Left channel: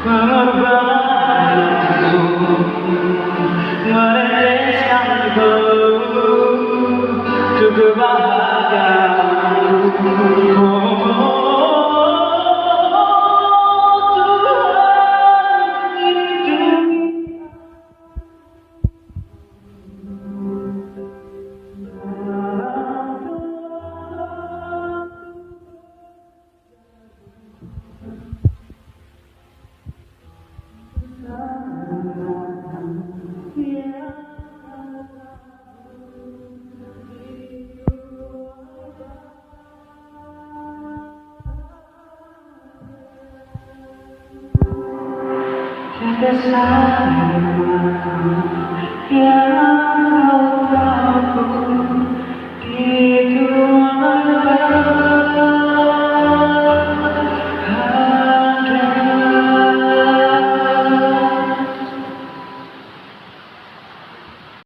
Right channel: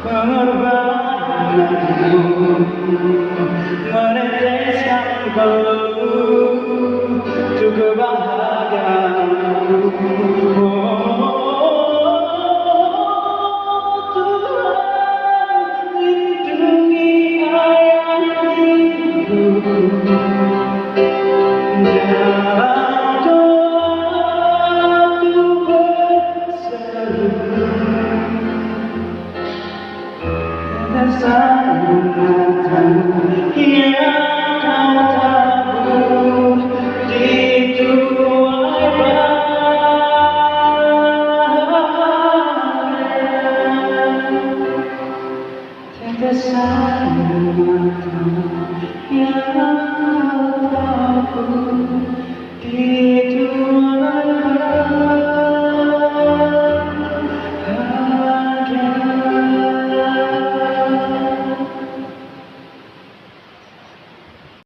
Pengorbananmu meneteskanku untuk kebahagiaanmu. Oh, Tuhan, lindungi ayahku dalam doaku berseru. Tiada satu mata yang